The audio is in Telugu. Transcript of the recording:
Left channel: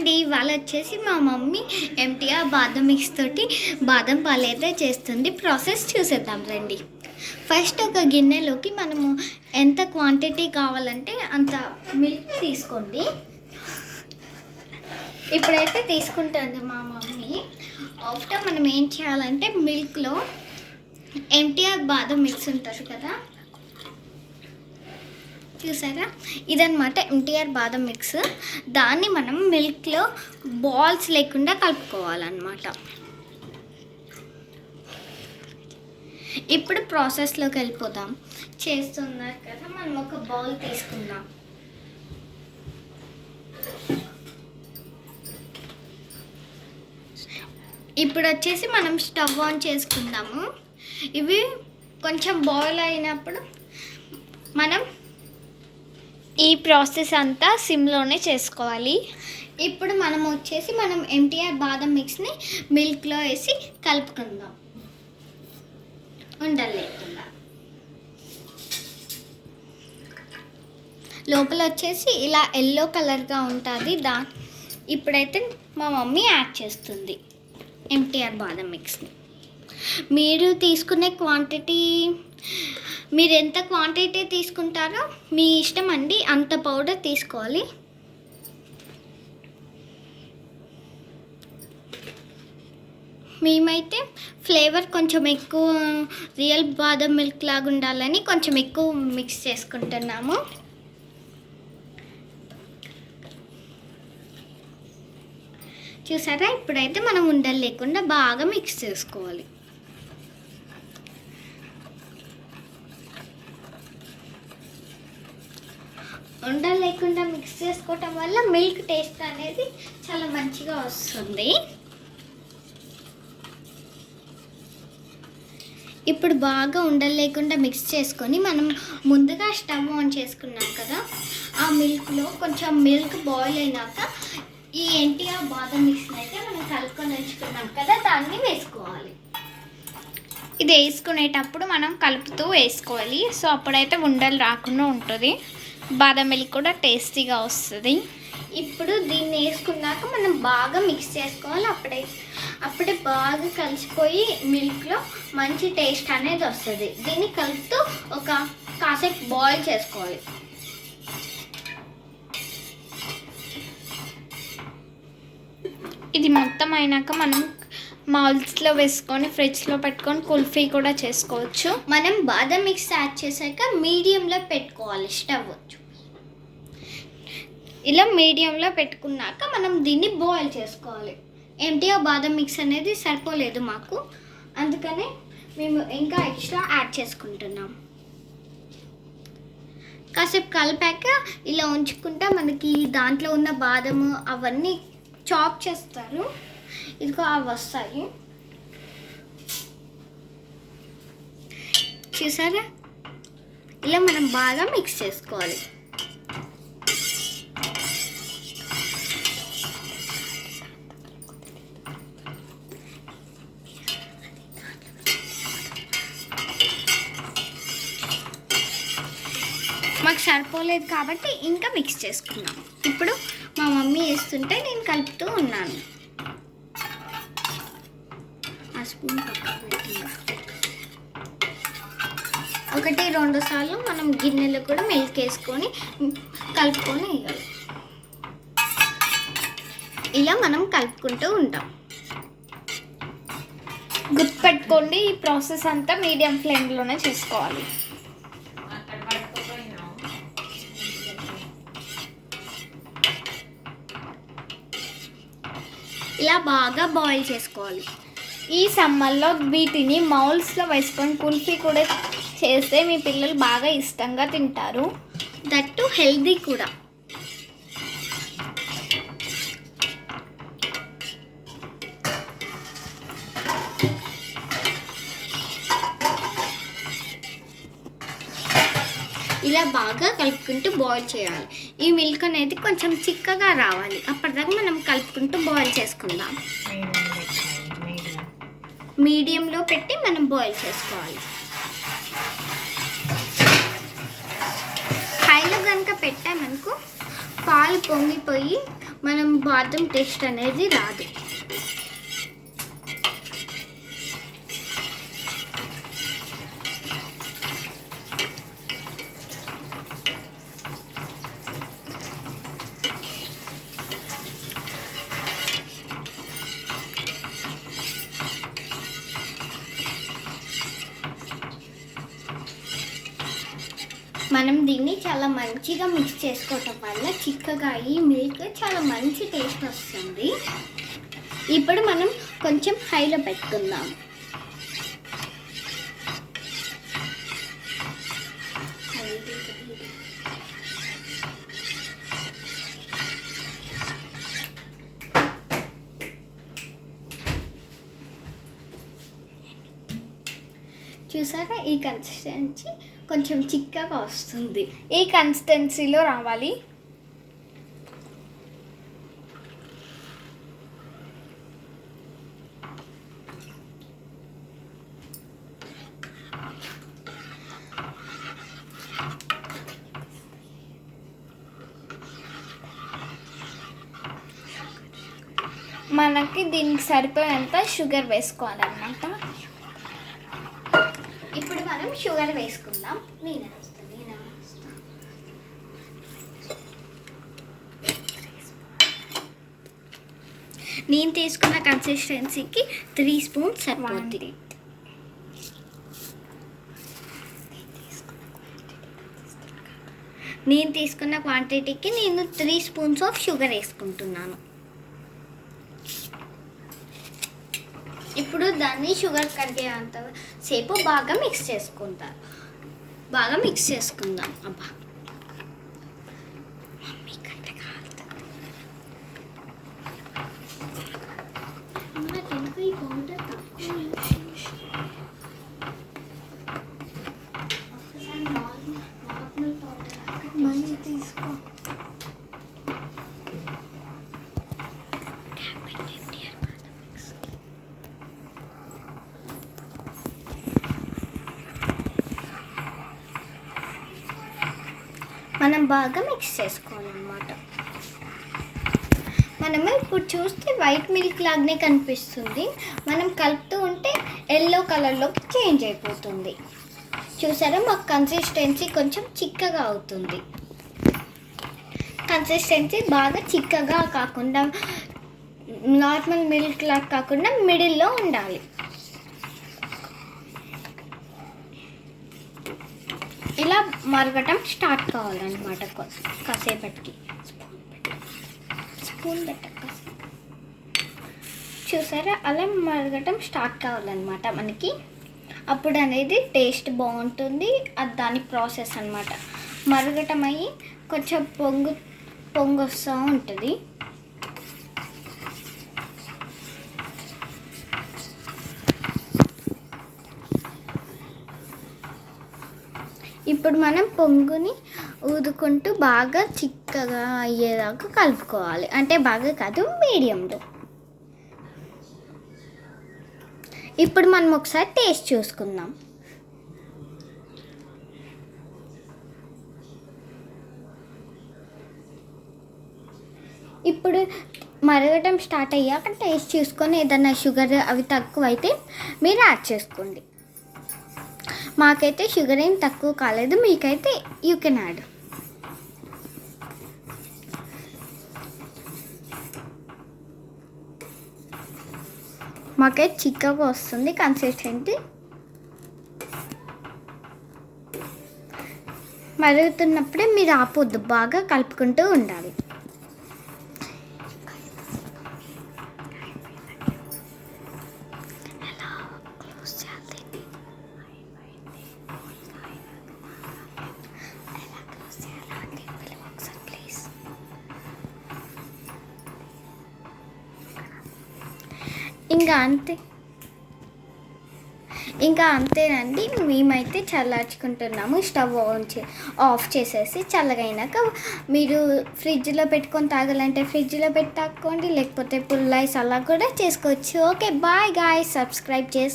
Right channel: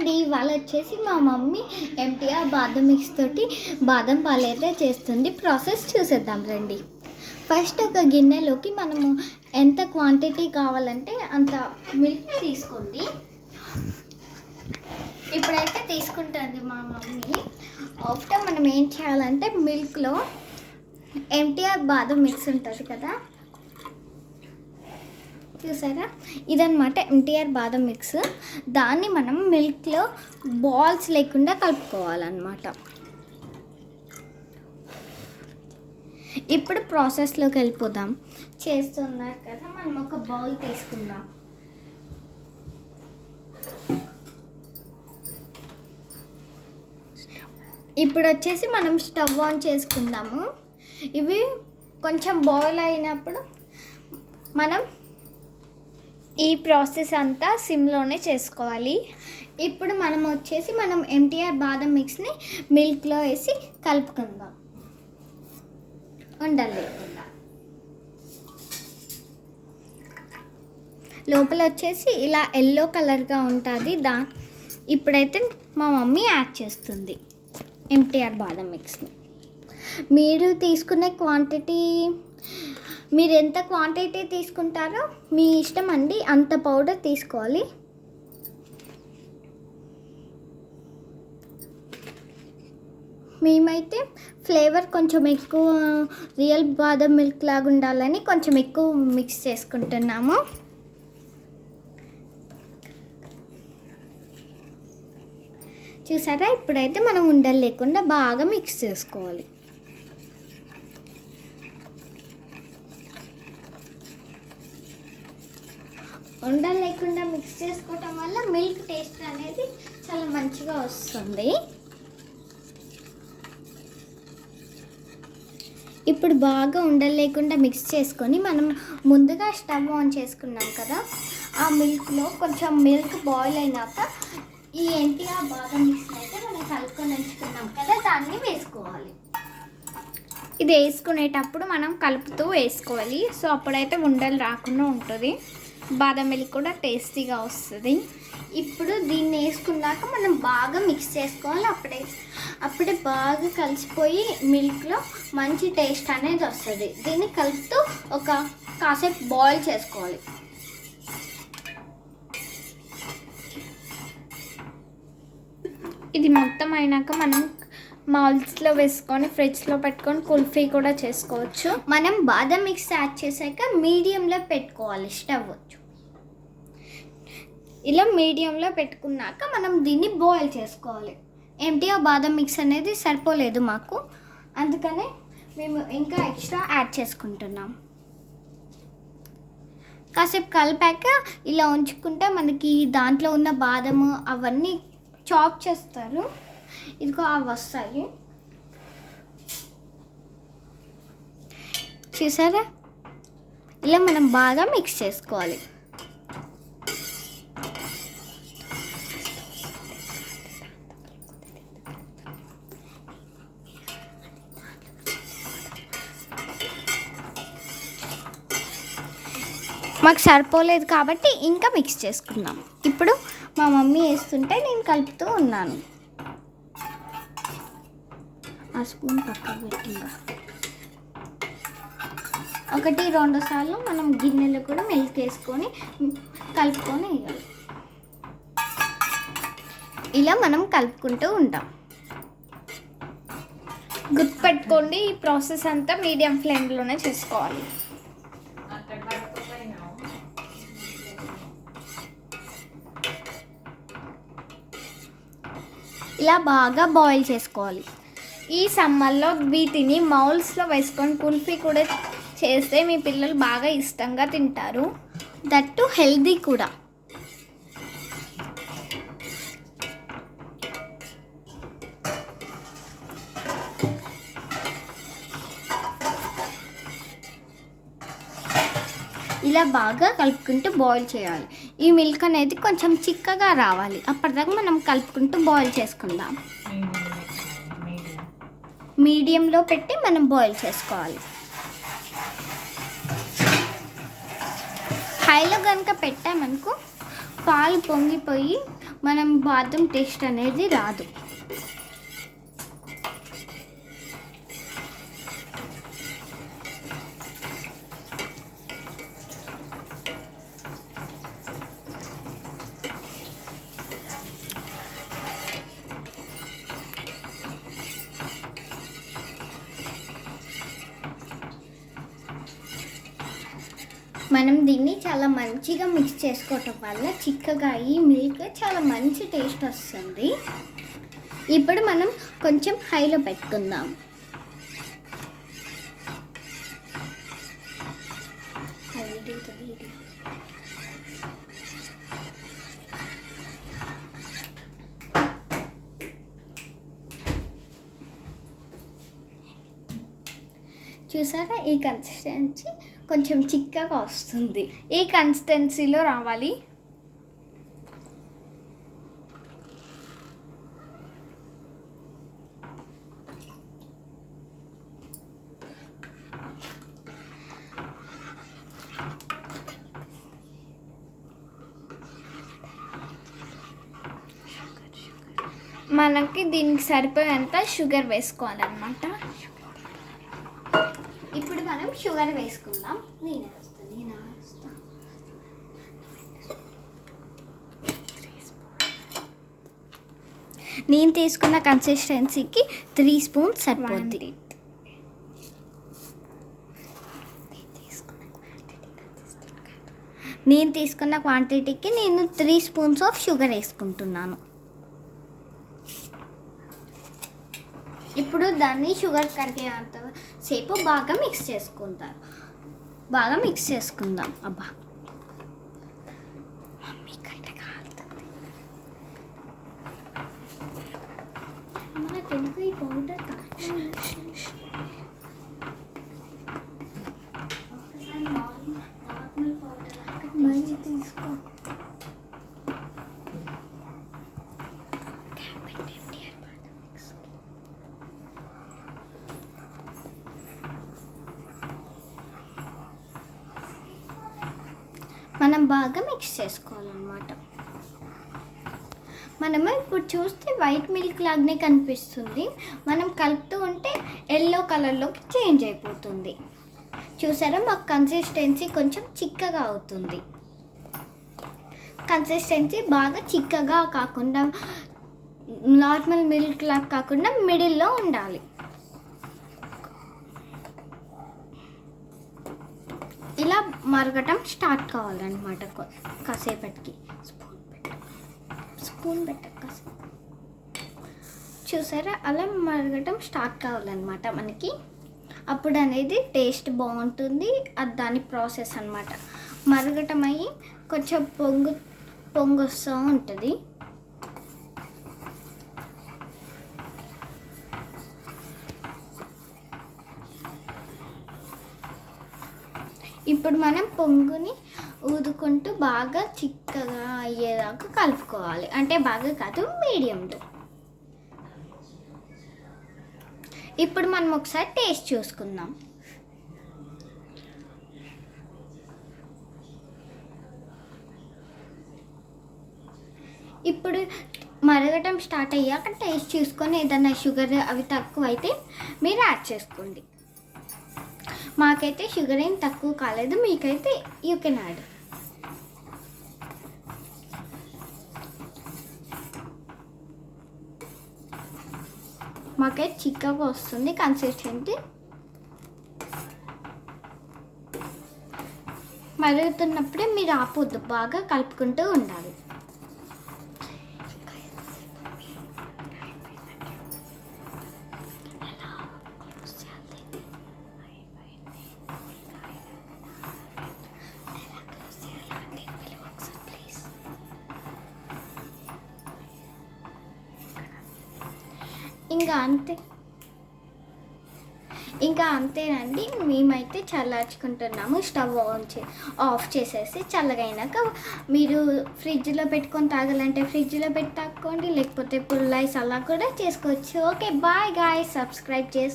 అండి, ఇవాళ వచ్చేసి మా మమ్మీ ఎంటీఆర్ బాదం మిక్స్ తోటి బాదం పాలు అయితే చేస్తుంది. ప్రాసెస్ చూసేద్దాం రండి. ఫస్ట్ ఒక గిన్నెలోకి మనము ఎంత క్వాంటిటీ కావాలంటే అంత మిల్క్ తీసుకోండి. ఇప్పుడైతే తీసుకుంటుంది మా మమ్మీ. ఆఫ్టర్ మనం ఏం చేయాలంటే మిల్క్లో ఎంటీఆర్ బాదం మిక్స్ ఉంటుంది కదా, చూసారా, ఇదనమాట ఎంటీఆర్ బాదం మిక్స్. దాన్ని మనం మిల్క్లో బాల్స్ లేకుండా కలుపుకోవాలన్నమాట. ఇప్పుడు ప్రాసెస్లోకి వెళ్ళిపోదాం. చేస్తున్నారు కదా, మనం ఒక బౌల్ తీసుకుందాం. ఇప్పుడు వచ్చేసి మనం స్టవ్ ఆన్ చేసుకుందాము. ఇవి కొంచెం బాయిల్ అయినప్పుడు మనం ఈ ప్రాసెస్ అంతా సిమ్లోనే చేసుకోవాలి. ఇప్పుడు మనం వచ్చేసి ఎంటీఆర్ బాదం మిక్స్ని మిల్క్లో వేసి కలుపుకుందాం ఉండలేకుండా. లోపల వచ్చేసి ఇలా ఎల్లో కలర్గా ఉంటుంది. ఇప్పుడైతే మా మమ్మీ యాడ్ చేస్తుంది ఎంటీఆర్ బాదం మిక్స్ని. మీరు తీసుకునే క్వాంటిటీ, మీరు ఎంత క్వాంటిటీ తీసుకుంటారో మీ ఇష్టం అండి, అంత పౌడర్ తీసుకోవాలి. మేమైతే ఫ్లేవర్ కొంచెం ఎక్కువ, రియల్ బాదం మిల్క్ లాగా ఉండాలని కొంచెం ఎక్కువ మిక్స్ చేసుకుంటున్నాము. చూసారా, ఇప్పుడైతే మనం ఉండలు లేకుండా బాగా మిక్స్ చేసుకోవాలి. ఉండలు లేకుండా మిక్స్ చేసుకోవటం వల్ల మిల్క్ టేస్ట్ అనేది చాలా మంచిగా వస్తుంది. ఇప్పుడు బాగా ఉండలు లేకుండా మిక్స్ చేసుకొని మనం ముందుగా స్టవ్ ఆన్ చేసుకున్నాం కదా, ఆ మిల్క్లో కొంచెం మిల్క్ బాయిల్ అయినాక ఈ ఎంటీఆర్ బాదం మిక్స్ని అయితే మనం కలుపుకొని ఉంచుకున్నాం కదా, దాన్ని వేసుకోవాలి. ఇది వేసుకునేటప్పుడు మనం కలుపుతూ వేసుకోవాలి. సో అప్పుడైతే ఉండలు రాకుండా ఉంటుంది, బాదం మిల్క్ కూడా టేస్టీగా వస్తుంది. ఇప్పుడు దీన్ని వేసుకున్నాక మనం బాగా మిక్స్ చేసుకోవాలి. అప్పుడే బాగా కలిసిపోయి మిల్క్లో మంచి టేస్ట్ అనేది వస్తుంది. దీన్ని కలుపుతూ కాసేపు బాయిల్ చేసుకోవాలి. ఇది మొత్తం అయినాక మనం మౌల్స్లో వేసుకొని ఫ్రిడ్జ్లో పెట్టుకొని కుల్ఫీ కూడా చేసుకోవచ్చు. మనం బాదం మిక్స్ యాడ్ చేశాక మీడియంలో పెట్టుకోవాలి స్టవ్. ఇలా మీడియంలో పెట్టుకున్నాక మనం దీన్ని బాయిల్ చేసుకోవాలి. ఎంటీఆర్ బాదం మిక్స్ అనేది సరిపోలేదు మాకు, అందుకనే మేము ఇంకా ఎక్స్ట్రా యాడ్ చేసుకుంటున్నాం. కాసేపు కలిపాక ఇలా ఉంచుకుంటే మనకి దాంట్లో ఉన్న బాదము అవన్నీ చాప్ చేస్తారు, ఇదిగో అవి వస్తాయి. చూసారా, ఇలా మనం బాగా మిక్స్ చేసుకోవాలి. మాకు సరిపోలేదు కాబట్టి ఇంకా మిక్స్ చేసుకున్నాం. ఇప్పుడు మా మమ్మీ వేస్తుంటే నేను కలుపుతూ ఉన్నాను. ఆ స్పూన్ పక్కకు పెట్టింది. 1-2 సార్లు మనం గిన్నెలో కూడా మిల్క్ వేసుకొని కలుపుకొని వేయాలి. ఇలా మనం కలుపుకుంటూ ఉంటాం. గుర్తుపెట్టుకోండి, ఈ ప్రాసెస్ అంతా మీడియం ఫ్లేమ్లోనే చేసుకోవాలి. ఇలా బాగా బాయిల్ చేసుకోవాలి. ఈ సమ్మర్లో వీటిని మౌల్స్లో వేసుకొని కుల్ఫీ కూడా చేస్తే మీ పిల్లలు బాగా ఇష్టంగా తింటారు. దట్టు హెల్దీ కూడా. ఇలా బాగా కలుపుకుంటూ బాయిల్ చేయాలి. ఈ మిల్క్ అనేది కొంచెం చిక్కగా రావాలి, అప్పటిదాకా మనం కలుపుకుంటూ బాయిల్ చేసుకుందాం. మీడియంలో పెట్టి మనం బాయిల్ చేసుకోవాలి. హైలో కనుక పెట్టామనుకో పాలు పొంగిపోయి మనం బాదం టేస్ట్ అనేది రాదు. మనం దీన్ని చాలా మంచిగా మిక్స్ చేసుకోవటం వల్ల చిక్కగా ఈ మిల్క్ చాలా మంచి టేస్ట్ వస్తుంది. ఇప్పుడు మనం కొంచెం హైలో పెట్టుకుందాం. చూసారా, ఈ కన్సిస్టెన్సీ కొంచెం చిక్కగా వస్తుంది. ఈ కన్సిస్టెన్సీలో రావాలి. మనకి దీనికి సరిపోయేంత షుగర్ వేసుకోవాలన్నమాట. ఇప్పుడు మనం షుగర్ వేసుకుందాం. నేను తీసుకున్న కన్సిస్టెన్సీకి 3 స్పూన్స్ సరిపోతుంది. నేను తీసుకున్న క్వాంటిటీకి నేను 3 స్పూన్స్ ఆఫ్ షుగర్ వేసుకుంటున్నాను. ఇప్పుడు దాన్ని షుగర్ కరిగేంత సేపు బాగా మిక్స్ చేసుకుందాం. అబ్బా, మమ్మీ కంటే కాలుతుంది. నాకెందుకు ఈ పౌడర్ మళ్ళీ తీసుకో. మనం బాగా మిక్స్ చేసుకోవాలన్నమాట. మనము ఇప్పుడు చూస్తే వైట్ మిల్క్ లాగానే కనిపిస్తుంది. మనం కలుపుతూ ఉంటే ఎల్లో కలర్లోకి చేంజ్ అయిపోతుంది. చూసారా, మాకు కన్సిస్టెన్సీ కొంచెం చిక్కగా అవుతుంది. కన్సిస్టెన్సీ బాగా చిక్కగా కాకుండా నార్మల్ మిల్క్ లాగా కాకుండా మిడిల్లో ఉండాలి. ఇలా మరగటం స్టార్ట్ కావాలన్నమాట. కాసేపటికి స్పూన్ కాసేపు చూసారా, అలా మరగటం స్టార్ట్ కావాలన్నమాట మనకి. అప్పుడు అనేది టేస్ట్ బాగుంటుంది. అది దాని ప్రాసెస్ అన్నమాట. మరగటం అయ్యి కొంచెం పొంగు వస్తూ ఉంటుంది. ఇప్పుడు మనం పొంగుని ఊదుకుంటూ బాగా చిక్కగా అయ్యేదాకా కలుపుకోవాలి. అంటే బాగా కాదు, మీడియంలో. ఇప్పుడు మనం ఒకసారి టేస్ట్ చూసుకుందాం. ఇప్పుడు మరగటం స్టార్ట్ అయ్యాక టేస్ట్ చూసుకొని ఏదైనా షుగర్ అవి తక్కువైతే మీరు యాడ్ చేసుకోండి. మాకైతే షుగర్ ఏం తక్కువ కాలేదు, మీకైతే యూ కెన్ యాడ్. మాకైతే చిక్కగా వస్తుంది కన్సిస్టెన్సీ. మరుగుతున్నప్పుడే మీరు ఆపొద్దు, బాగా కలుపుకుంటూ ఉండాలి. ఇంకా అంతేనండి. మేమైతే చల్లార్చుకుంటున్నాము. స్టవ్ ఆఫ్ చేసేసి చల్లగైనాక మీరు ఫ్రిడ్జ్లో పెట్టుకొని తాగాలంటే ఫ్రిడ్జ్లో పెట్టి తాక్కోండి, లేకపోతే పుల్ ఐస్ అలా కూడా చేసుకోవచ్చు. Okay, bye guys. సబ్స్క్రైబ్ చేసుకోండి.